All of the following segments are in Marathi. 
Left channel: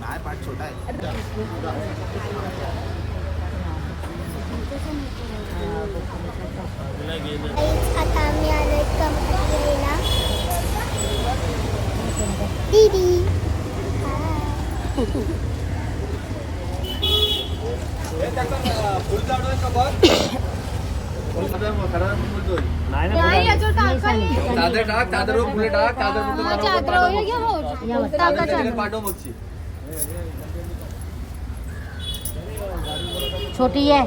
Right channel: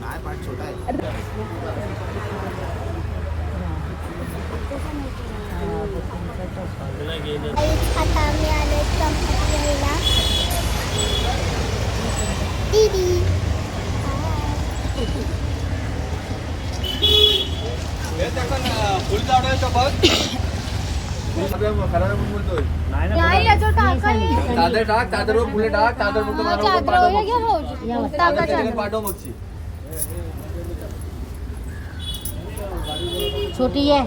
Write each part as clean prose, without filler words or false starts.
नाही पाठ छोटा आहे. आता आम्ही आलोय गणपती घ्यायला. दीदी फुल चालवायचं बघ. नाही याच्यावर टाकायला चादर टाक, चादरवर फुले टाक, चादर पाठव बघची. छोटी आहे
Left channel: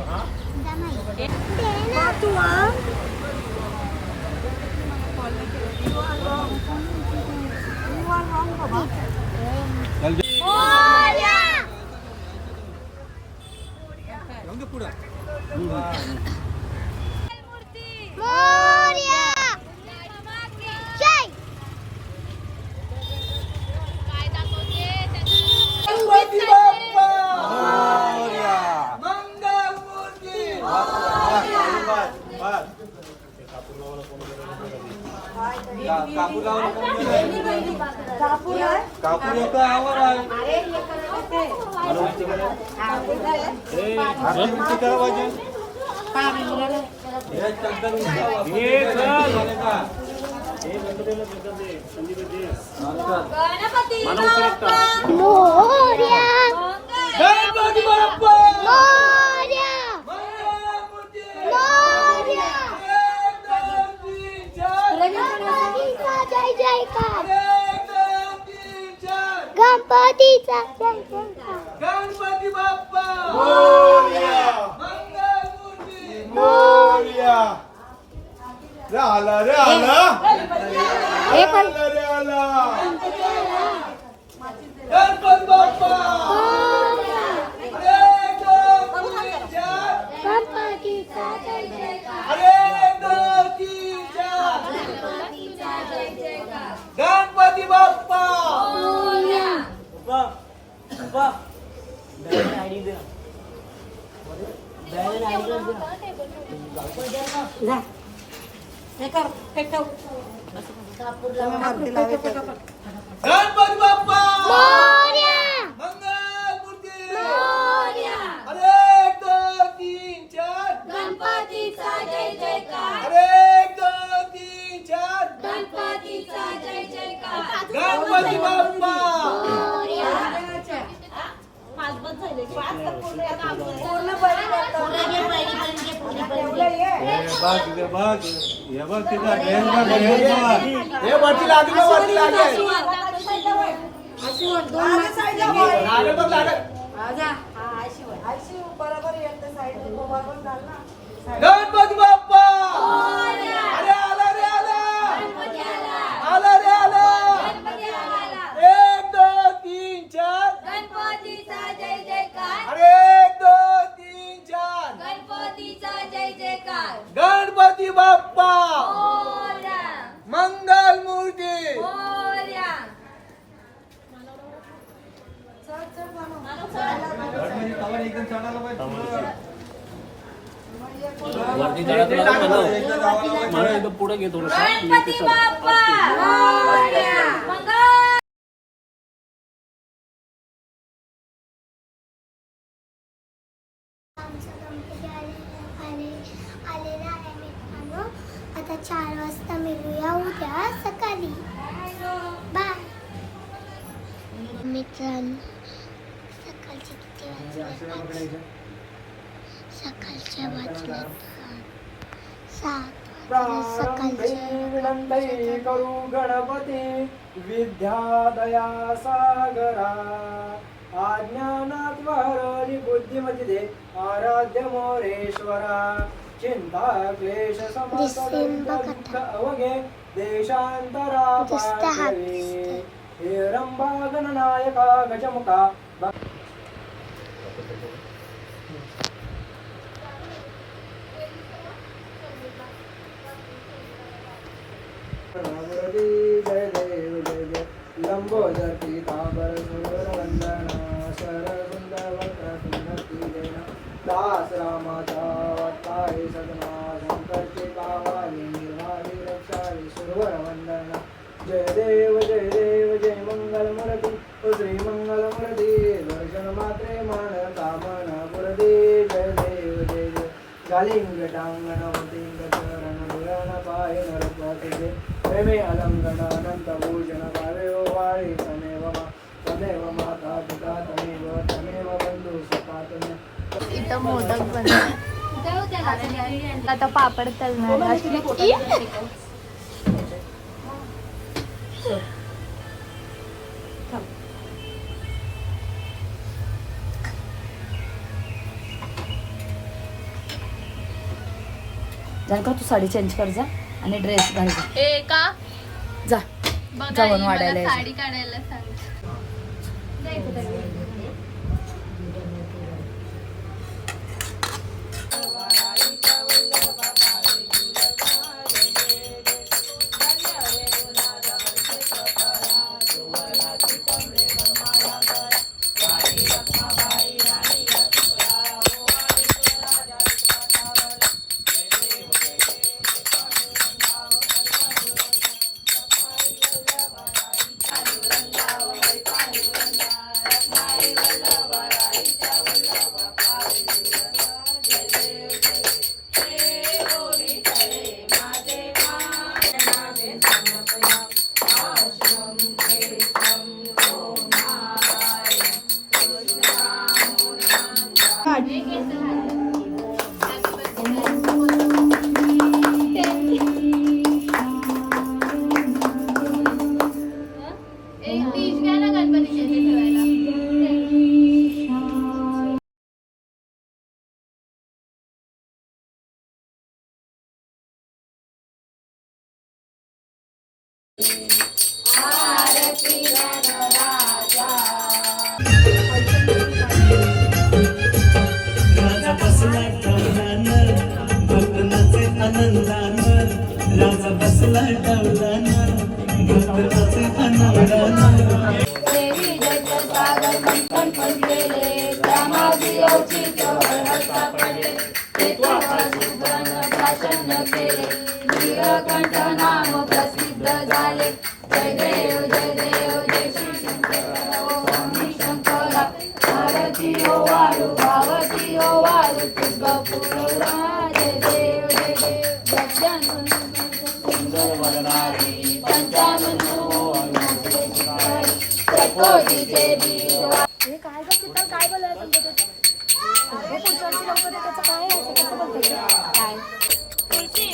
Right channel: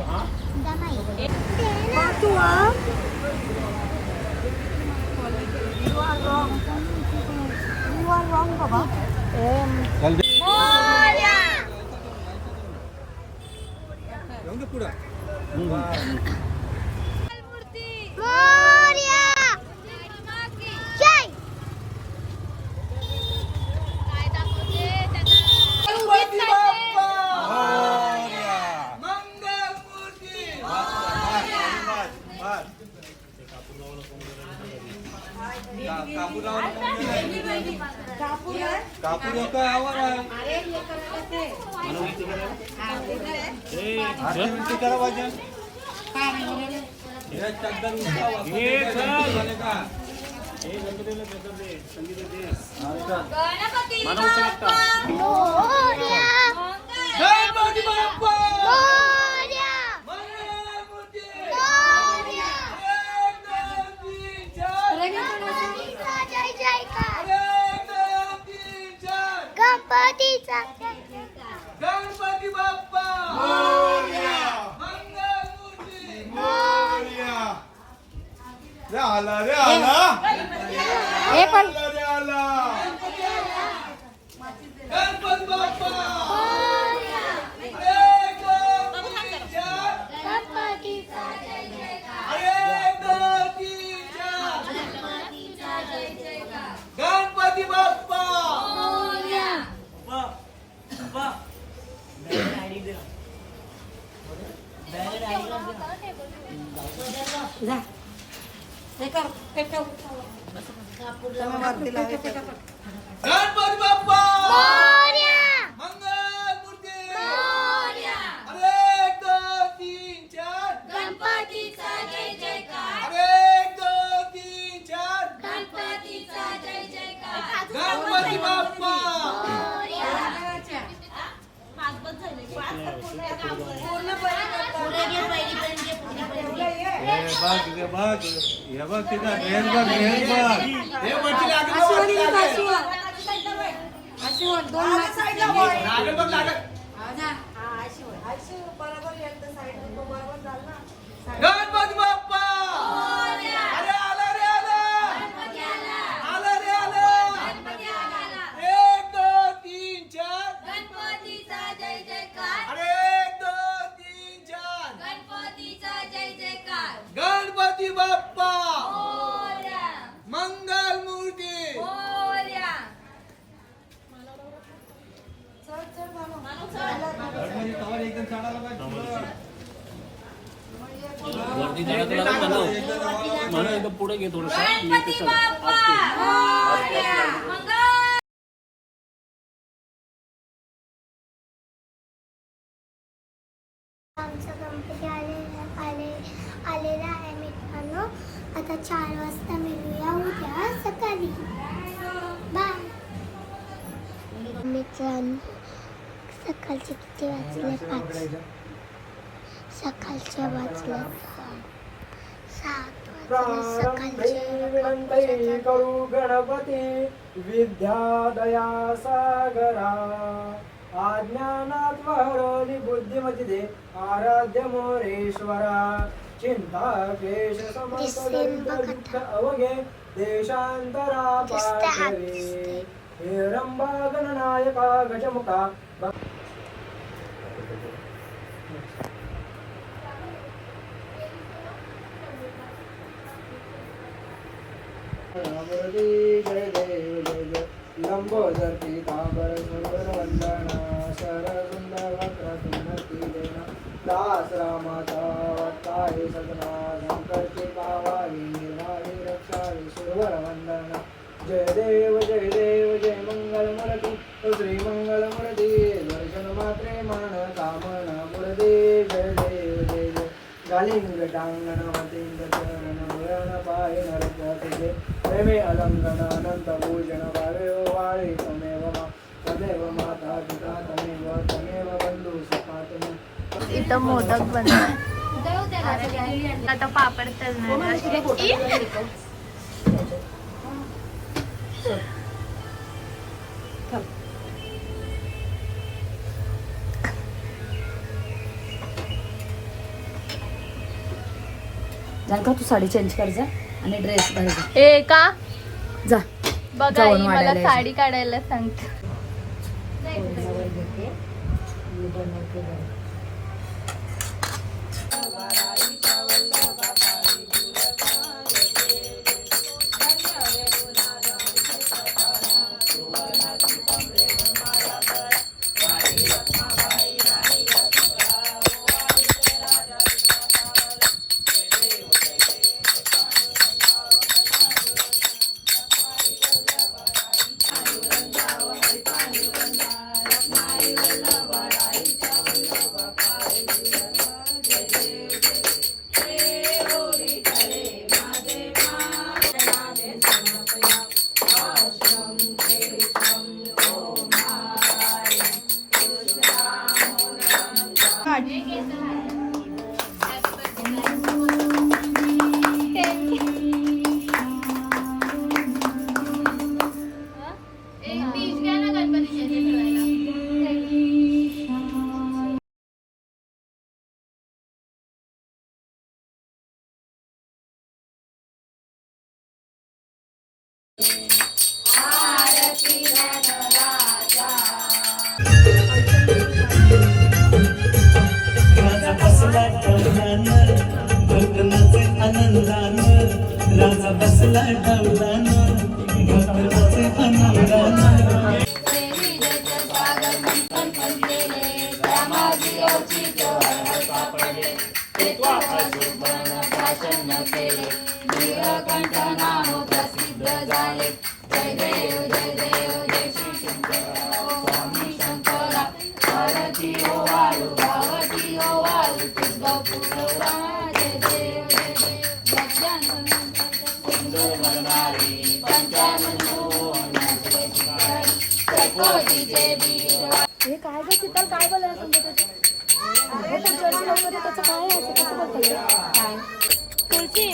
पुढं कापूर काय आवर आहे. करा पाहिजे. गणपती बाप्पा मंगलमूर्ती मोरया. रे आला रे आला हे पण रे आला. गणपती बाप्पा अरे गणपती बाप्पा गणपती बाप्पा मंगलमूर्ती अरे 1 2 3 4 गणपतीचा जय जयकार. अरे 1 2 3 4 गणपतीचा जय जयकार. गणपती बाप्पा गणपती बाप्पा आला आला रे आला आला रे आला. 1 2 3 4 गणपतीचा जय जयकार. अरे 1 2 3 4 गणपतीचा जय जयकार. गणपती बाप्पा मोरया मंगलमूर्ती मोरया. पुढे घे थोडं. गणपती बाप्पा मोरया. मंगल आलेला आहे मित्रांनो. आता 4 वाजता मिळूया उद्या सकाळी. बाय मित्रांनो. सकाळचे किती वाजले? सकाळच्या वाजल्यात 7. विनंती करू गणपती विद्यादया सागरा. अज्ञानात हरली बुद्धिमती दे आराध्य मोरेश्वरा. चिंता क्लेश समस्त दुःख अवघे देशांतरा पाठवे. हे रंभा गणनायका गजमुखा मुरली जय देव जय जय लंबोदर पीतांबर सुंदर वंदना शरगुंद वक्रतुंड देना दास रामाचा अवतारी सदना शंकर के कावारी निर्वाणी रक्षारी सुरवर वंदना जय देव जय मंगल मूर्ति श्री मंगल मूर्ति दर्शन मात्रे मान कामना मूर्ति जय देव जय गालिंग टांगण तिंग चरण मुरण पाय नरपते प्रेमे अलंगण अनंत भूषण भावे वाळी तमेव माता पिता तमेव बंधू सखा तमेव इथं मोदक बनतात आता पापड तळणार असली जानका तू साडी चेंज कर जा आणि ड्रेस घाल जा. ए का जा बघा जाऊन ही मला वाढायला ये. साडी काढायला सांगते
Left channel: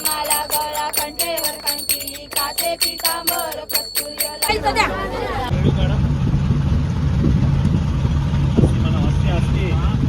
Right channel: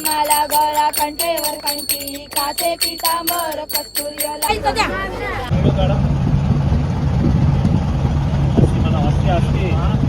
मला गळा कंठेवर कंठी काचे पितांबर कस्तुरी मला वाटते